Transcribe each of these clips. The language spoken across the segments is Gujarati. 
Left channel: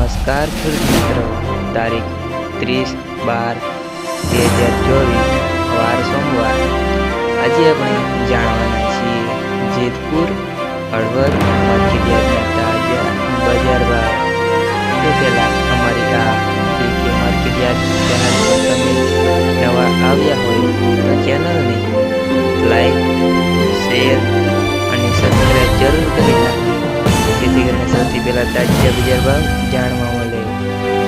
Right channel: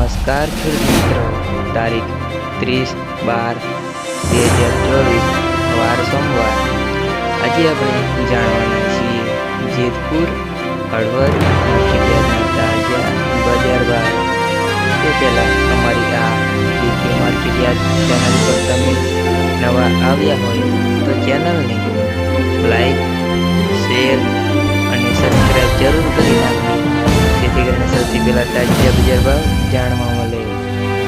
નમસ્કાર ખેડૂત મિત્રો, તારીખ 30/12/2024 વાર સોમવાર। આજે આપણે જાણવાના છીએ જેતપુર હળવદ માર્કેટયાર્ડના તાજા બજાર ભાવ। તે પહેલાં અમારી આ કે માર્કેટયાર્ડ ચેનલ પર તમે નવા આવ્યા હોય તો ચેનલને લાઈક, શેર અને સબસ્ક્રાઈબ જરૂર કરી નાખજો, જેથી કરીને સૌથી પહેલા તાજા બજાર ભાવ જાણવા મળે।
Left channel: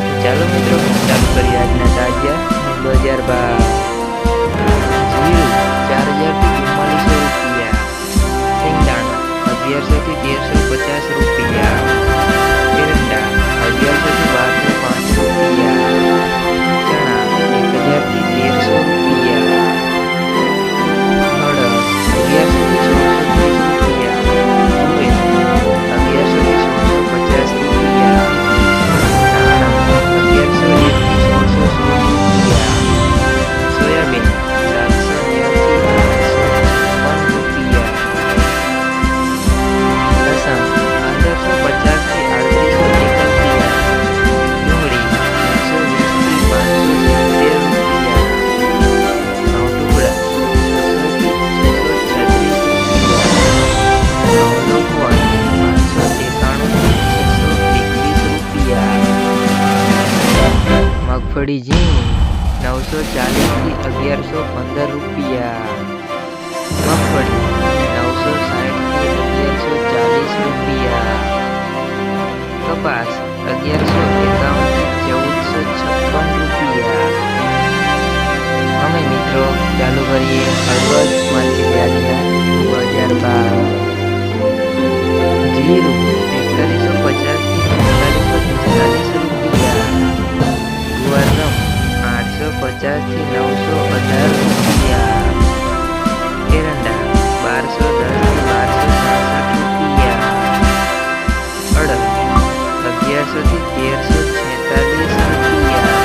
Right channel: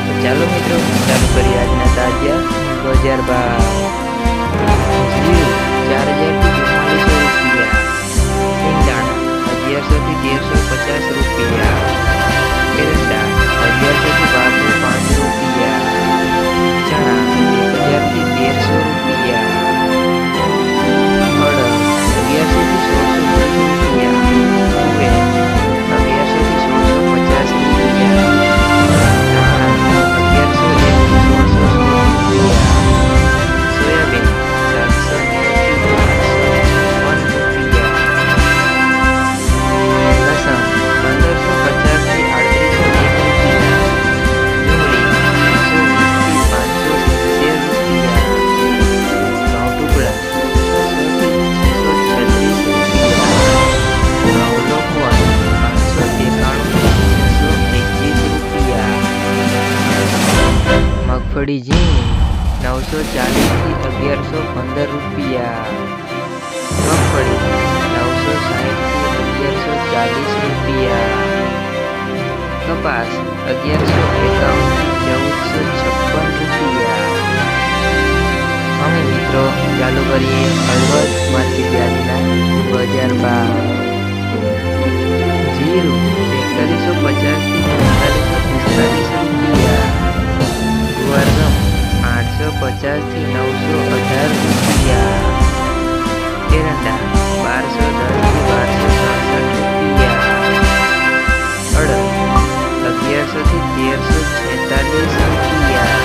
તો ચાલો મિત્રો, ચાલુ કરીએ આજના તાજા બજાર ભાવ। જીરું 4000 થી 4400 રૂપિયા, સિંગદાણા 1100 થી 1350 રૂપિયા, એરંડા 1100 થી 1205 રૂપિયા, ચણા 1000 થી 1300 રૂપિયા, અડદ 1100 થી 1630 રૂપિયા, તુવેર 1100 થી 1650 રૂપિયા, ધાણા 1101 થી 1616 રૂપિયા, સોયાબીન 790 થી 856 રૂપિયા, લસણ 1550 થી 3801 રૂપિયા, ડુંગળી 120 થી 570 રૂપિયા, ઘઉં ટુકડા 600 થી 636 રૂપિયા, ઘઉં લોકવન 591 થી 621 રૂપિયા, મગફળી ઝીણી 940 થી 1115 રૂપિયા, મગફળી 960 થી 1140 રૂપિયા, કપાસ 1151 થી 1456 રૂપિયા। અમે મિત્રો ચાલુ કરીએ હળવદ માર્કેટયાર્ડના બજાર ભાવ। જીરું 4150 થી 4545 રૂપિયા, ગુવારગમ 850 થી 918 રૂપિયા, એરંડા 1210 થી 1266 રૂપિયા, અડદ 1100 થી 1346 રૂપિયા,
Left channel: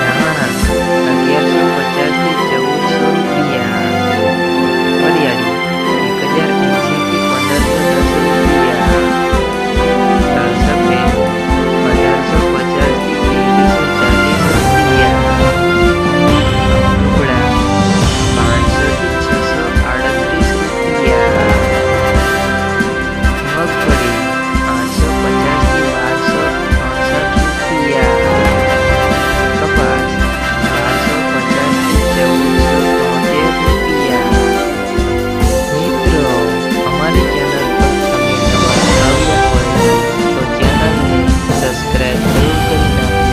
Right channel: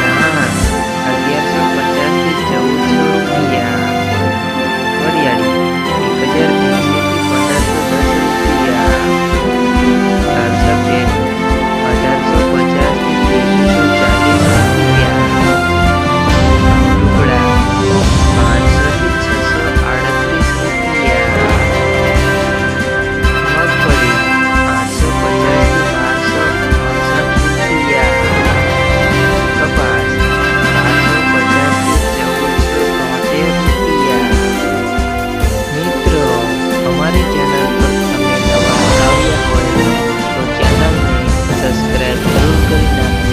ધાણા 1150 થી 1400 રૂપિયા, વરિયાળી 1080 થી 1510 રૂપિયા, તલ સફેદ 1850 થી 2340 રૂપિયા, ઘઉં ટુકડા 500 થી 638 રૂપિયા, મગફળી 850 થી 1268 રૂપિયા, કપાસ 1250 થી 1473 રૂપિયા। મિત્રો, અમારી ચેનલ પર તમે નવા આવ્યા હોય તો ચેનલને સબસ્ક્રાઈબ જરૂર કરી નાખો,